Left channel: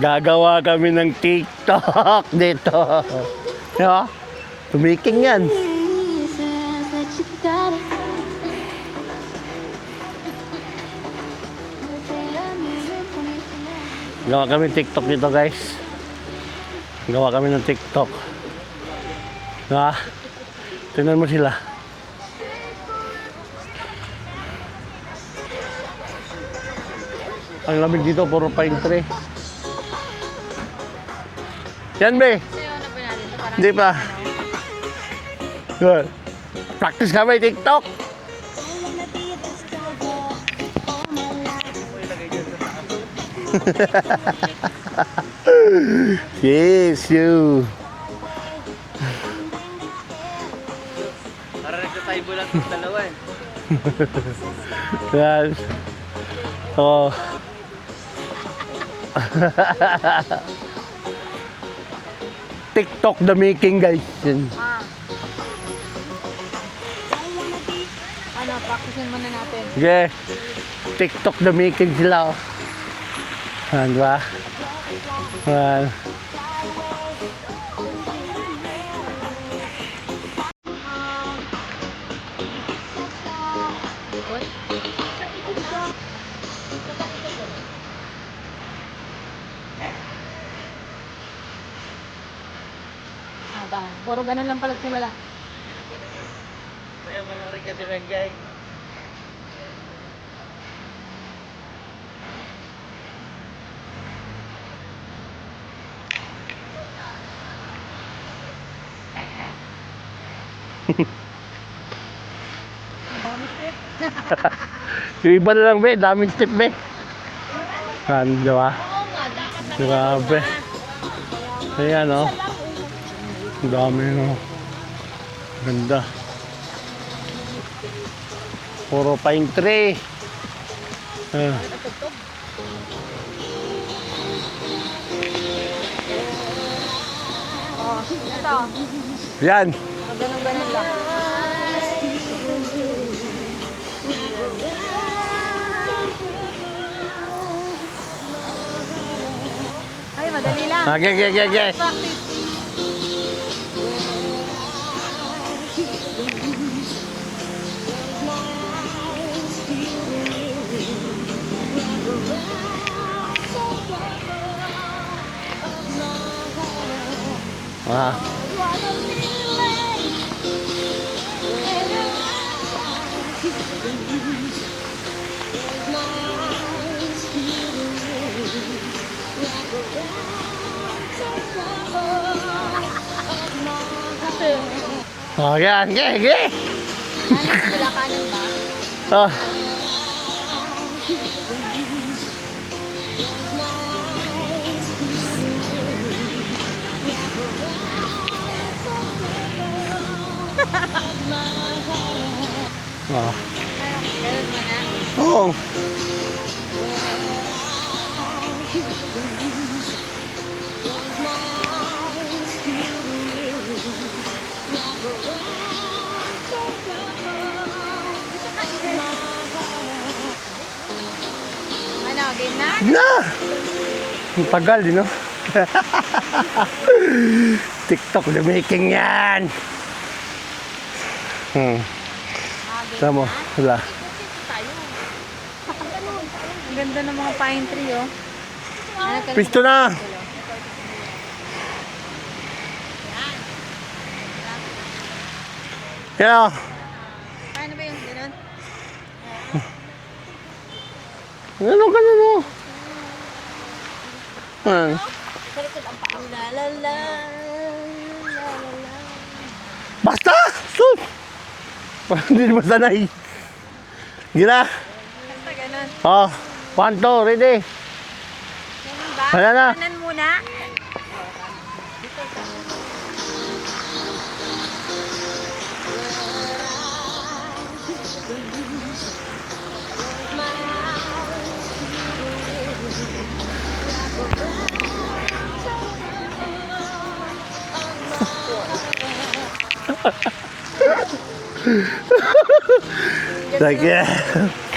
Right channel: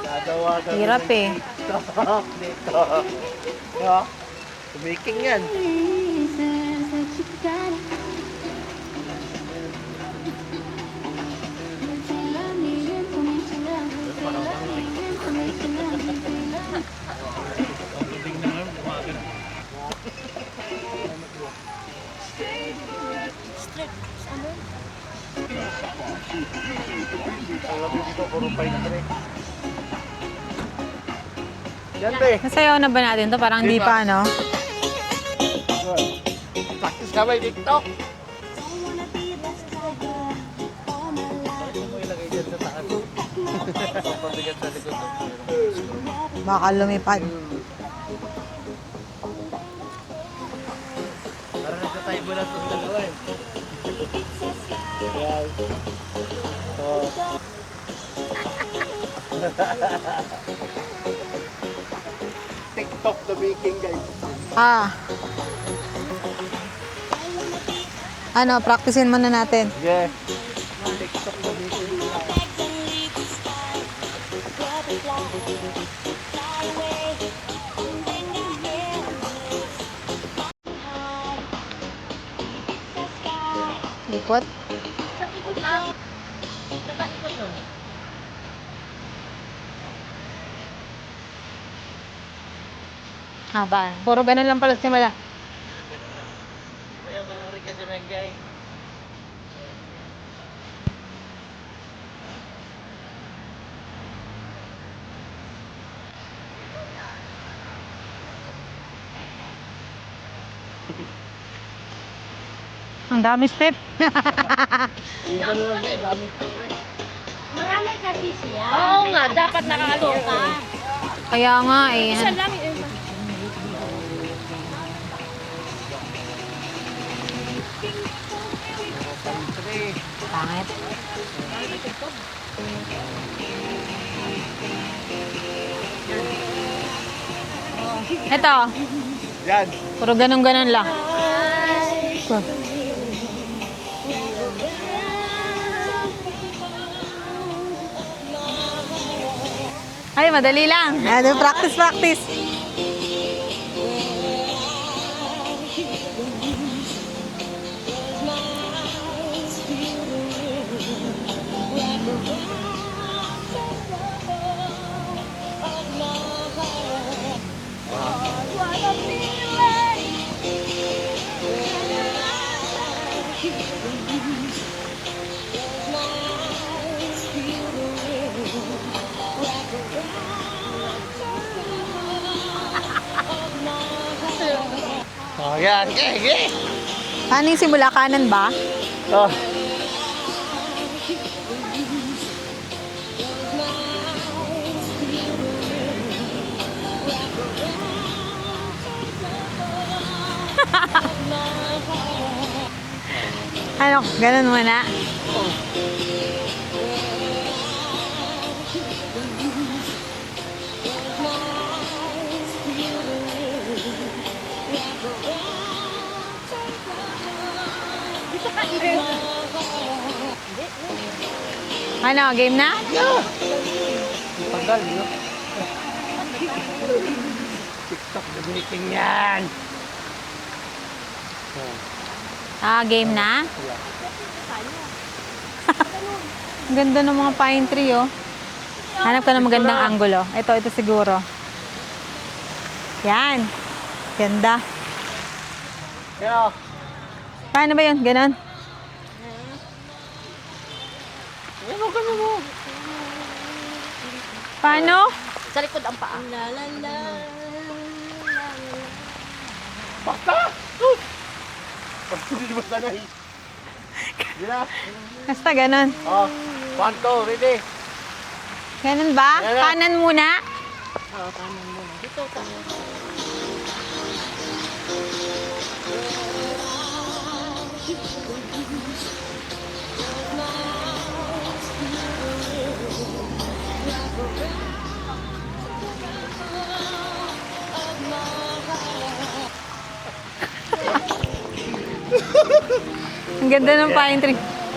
Gagawa kami Hirap ng eh. TikTok dito. Diba? Tumiking yan. Gawa kami TikTok dito, guys. Gawa kami ng TikTok. Diba? Tingnan mo sila. Ang lamig dito, puro pine tree. Yan, be. Nasayaw na ba natin to? Parang Hindi hindi pa. pa, no? Good. Practice kami TikTok. Yes, you. Para tayo bulat yung dalawa eh. Yan. Oh. TikTok the making, guys. Yan. Ano, practicein muna natin. Okay. TikTok the making sila. Oh. Yan, diba? Yan. Ikot. Ba? Puro ganun lang pala simula. Kaya mga rin kasi Mengay. Ang dami step. Yung iba na lang, be. Daming step, be. Yan, diba? Oo nga, dapat Grabe. Kaya nga Ayan, eh. oh. Ang dami, no? Ganda. Puro pine tree. Pangit. Ah. Ito, Yan. puro ganun-ganun lang. Ito. Ay, madali lang. Okay, Ano, okay, okay. practice, practice. Ah. Okay, okay, okay. Paano yung simula? Kanan ba? Ah. Ah. Ano, ganun muna. Oh. Ano, game na? Na! Ang tagal, you know? TikTok the making yan! Game Tama. na? Wala. Ang ganda ng mga pine tree, oh. Hanap ka ng Pisto magandang na. anggulo. Ito siguro. Yan. Ganda. Yeah. Paano ba yun? Ganon? Ano ka na mo? Paano? Sa likod ang paa. Basta! Sus! Parang hindi naman sanay. Gila. Basta ganon. Oh, 1, 2, ready? Ganon ba? Ano na? Kanan muna? Ang ganda ng Sige. pine tree.